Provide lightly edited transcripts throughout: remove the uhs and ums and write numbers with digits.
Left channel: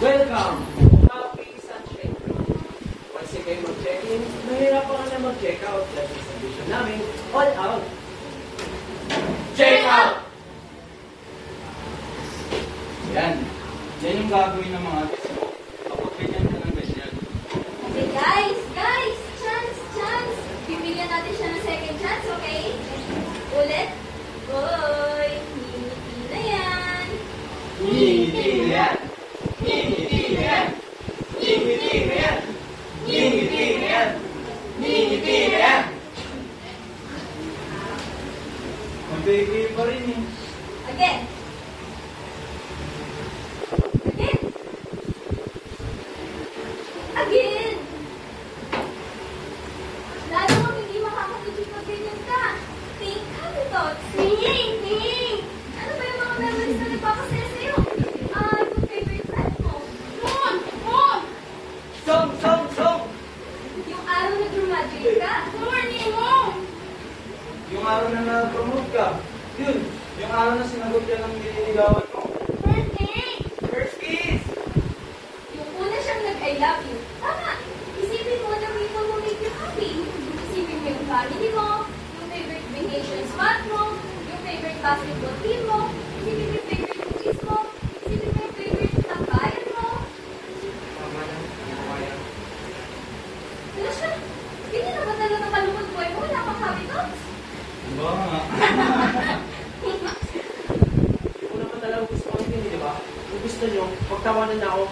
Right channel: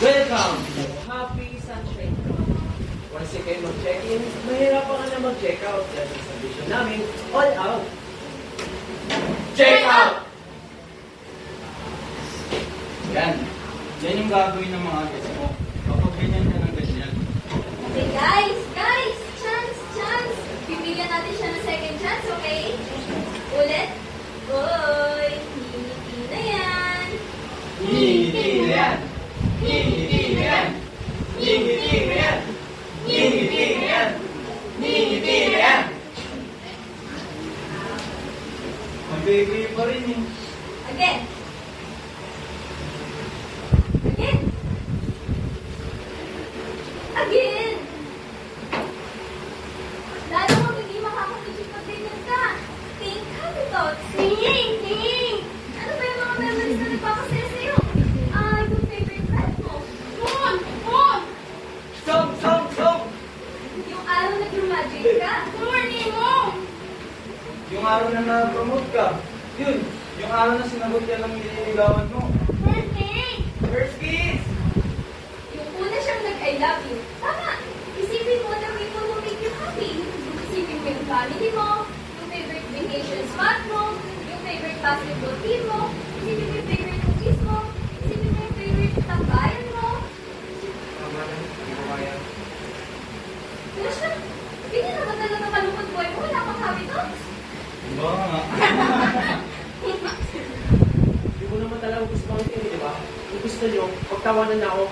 Welcome to Happy Sunshine. Once kayo mag-check-in, mahirapan ka na mag-check-out kasi sa vision namin, all out. Check out! Yan. Yan yung gagawin ng mga guys mo. Kapag ganyan ka ng ganyan. Okay, guys! Chance! Bibigyan natin siya ng second chance, okay? Ulit. Hoy! Hindi na yan! Hindi yan! Hindi yan! Hindi yan! Hindi yan! Hindi yan! Ang baby pa rin eh. Again! Again! Lalo kang hindi makakapigil pag ganyan ka. Think habits. Think! Ano ba yung mga memories na nagpapasaya sa'yo? Yung favorite pet mo. Mon! Song! Yung araw na graduate ka. Morning mo! Yung araw na na-promote ka. Yun. Yung araw na sinagot ka ng nililigawan mo. Birthday! First kiss! Yung una siyang nag-I love you. Tama! Isipin mo na may mo make you happy. Isipin mo yung family mo, yung favorite vacation spot mo, yung favorite basketball team mo, isipin mo yung favorite movies mo, isipin mo yung favorite tambayan mo. Tama na. Hindi ko kaya. Kaya siya, hindi na ba talaga kalungkot boy mo? Wala kang happy thoughts? Ba nga. Hindi ko naman talagang gusto ko hindi, di ba? Kung gusto nyo, pagtawanan na ako,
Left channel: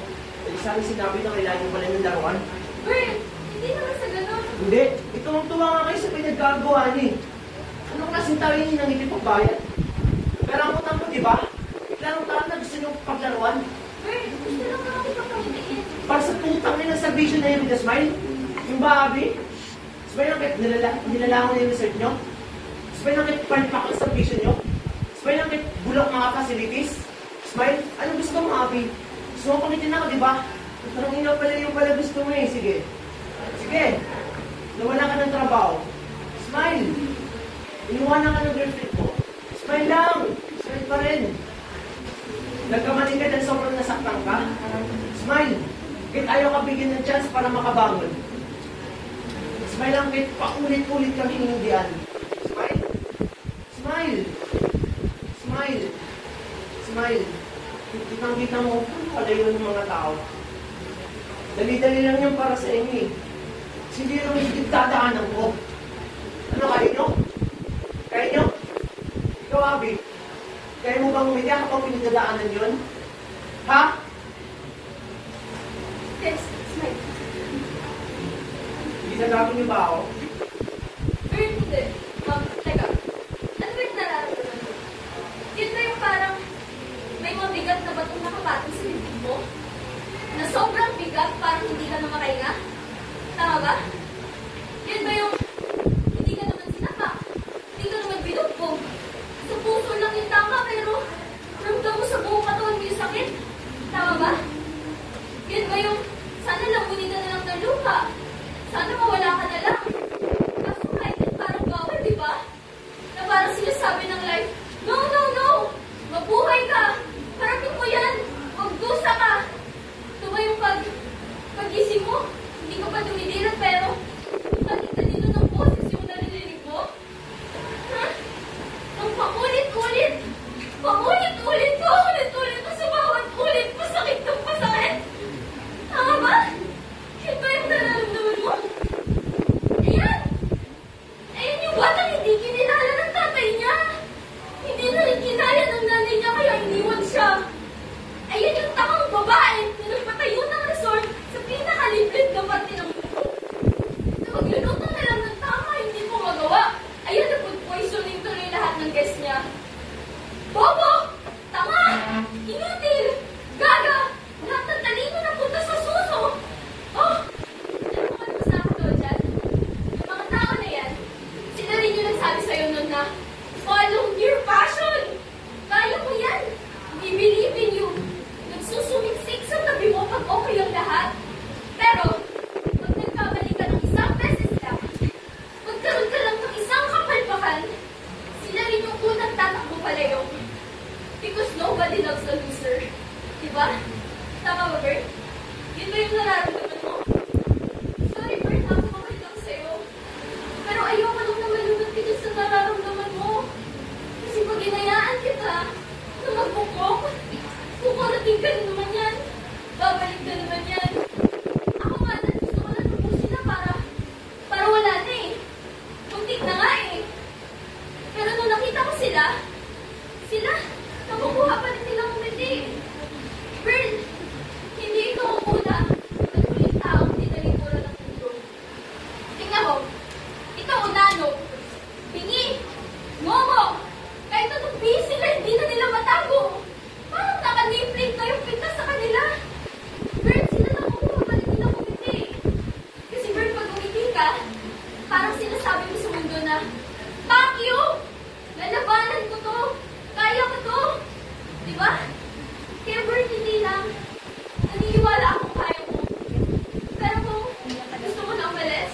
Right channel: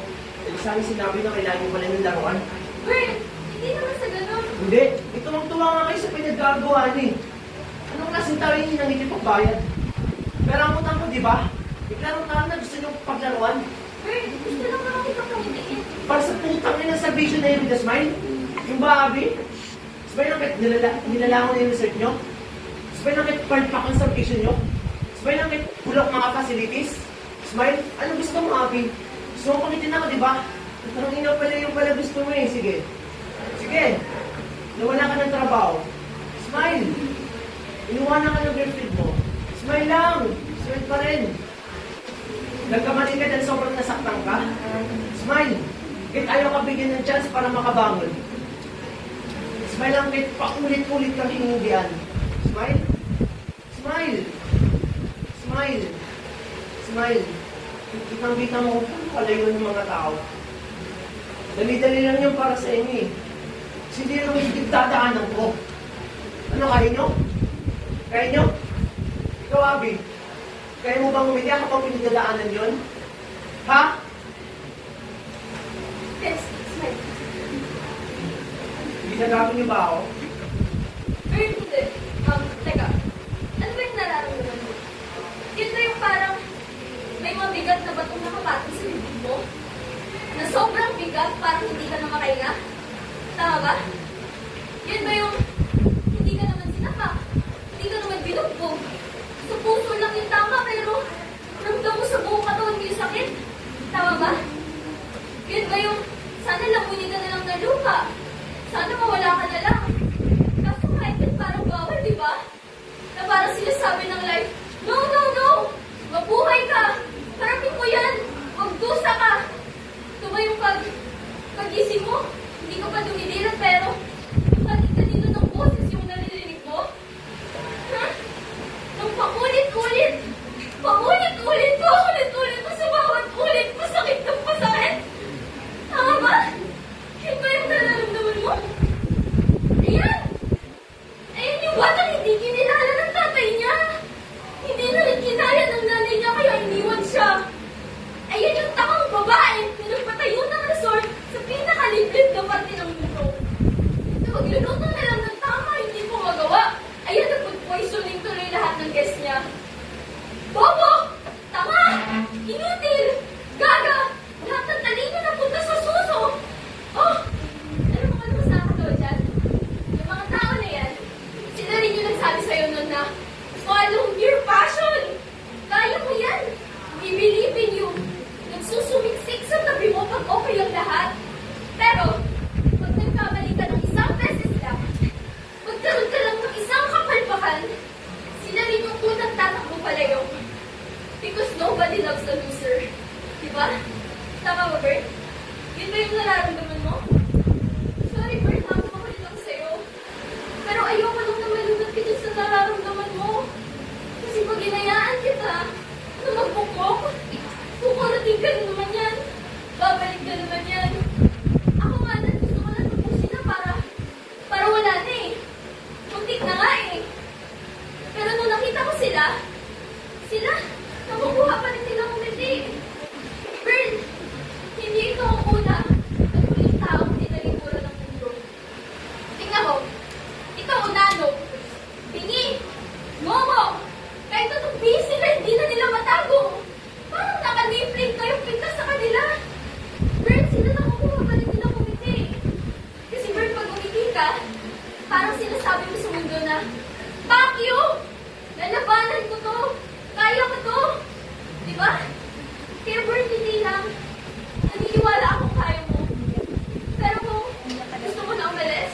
sana sinabi na kailangan nyo pala ng laruan. Bern, hindi naman sa ganun. Hindi, ito ang tuwa nga kayo sa pinagagawa niyo. Anong klaseng tao yun yung nangikipagbayad? Pero ang utang ko, di ba? Iklarong tao na gusto nyo paglaruan. Bern, gusto lang naman kita pangiliin. Para sa putang nyo ng salvation na yun, with a smile. Yung babi. Smile lang kahit nilalangan na yung research nyo. Smile lang kahit palpak ang salvation nyo. Smile lang kahit bulok mga facilities. Smile, anong gusto mo, Abby? Gusto mo pangitin ako, di ba? Parang ina pala yung pala gusto mo eh. Sige. Nawala ka ng trabaho. Smile. Iniwanan ka ng girlfriend mo. Smile lang. Smile pa rin. Nagkamali ka dahil sobrang nasaktan ka. Smile. Kahit ayaw ka bigyan ng chance para makabangon. Smile lang kahit paulit-ulit kang hinindihan. Smile. Smile. Kitang-kita mo kung palayo ng mga tao. Dali-dali lang yung para sa inyo eh. Kasi hindi naman yung dadaanan ko. Ano, kaya nyo? Kaya nyo? Ikaw, Abby. Kaya mo bang umiyak kapag pinagdadaanan yun? Ha? Yes, smile. Ginagawa niyo ba ako? Bern, hindi. Teka. Ano ba yung nararamdaman mo? Yun ba yung parang may mabigat na batong nakapatong sa bibig mo? Na sobrang bigat para hindi ka na makahinga? Tama ba? Yun ba yung hindi ka naman sinapak? Hindi ka naman binugbog? Sa puso lang yung tama pero ramdam mo sa buong katawan mo yung sakit? Tama ba? Yun ba yung sana lamunin ka na lang ng lupa? Sana mawala ka na lang? Kaso kahit yun parang bawal, di ba? Na parang sinasabi ng life, no! Mabuhay ka! Parating mo yan! Magdusa ka! Tumayong pag-isip mo, hindi ka pa dumidilang pero kanito ng boses yung narinig mo? Ha? Nang paulit-ulit kasi bawat ulit masakit ng pasakit. Tama ba? Yun ba yung nararamdaman mo? Ayan! Ayan yung batang hindi kinilala ng tatay niya. Hindi na rin kinaya ng nanay niya kaya iniwan siya. Ayan yung takang babae na nagpatayo ng resort sa pinakaliblib na parte ng mundo. Na magluluto na lang ng tama, hindi mo magawa. Ayan, nag-poisoning tuloy lahat ng guest niya. Bobo! Tama! Inutil! Gaga! Lahat ng talino na punta sa suso! Oh! Ano naman ko sa akin dyan? Yung mga tao na yan, sila rin yung nagsabi sa'yo nun na follow your passion! Kaya mo yan! We believe in you! Nagsusumiksik sa tabi mo pag okay ang lahat. Pero, pag nagkamali ka ng isang beses lang, magkaroon ka lang ng isang kapalpakan, sila rin yung unang tatakbo palayo. Because nobody loves the loser. Diba? Tama ba, Bert? Yun ba yung nararamdaman mo? Sorry, Bert, nakakapakal lang sa'yo. Pero ayoko lang naman yung nagkita sa nararamdaman mo. Kasi pag hinayaan kita na magbukok, kukarating ka naman yan. Babalik ka naman yan. Ako nga na, gusto ko na tubusin na para wala na eh. Muntik na nga eh. Pero nung nakita ko sila, nakukuha pa rin nilang umiti. Bert, hindi ikaw ang una at huling tao na tinalikuran ng mundo. Tingnan mo, ikaw unano, Bingi, Momo, kahit anong busy na hindi na nila matago. Parang nakalipling na yung pintas sa kanila. Bert, sila nakukuha pa rin nilang umiti. Kasi Bert, pag umiti ka, parang sinasabi mo sa mundo na, fuck you! Lalabanan ko to! Kaya ko to! Di ba? Kaya Bert, hindi lang. Naniniwala akong kaya mo. Pero kung gusto mo na umalis,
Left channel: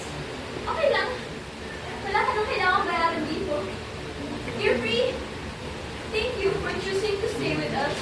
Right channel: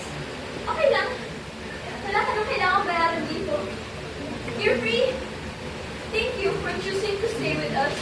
okay lang. Wala ka nang kailangang bayaran dito. You're free. Thank you for choosing to stay with us.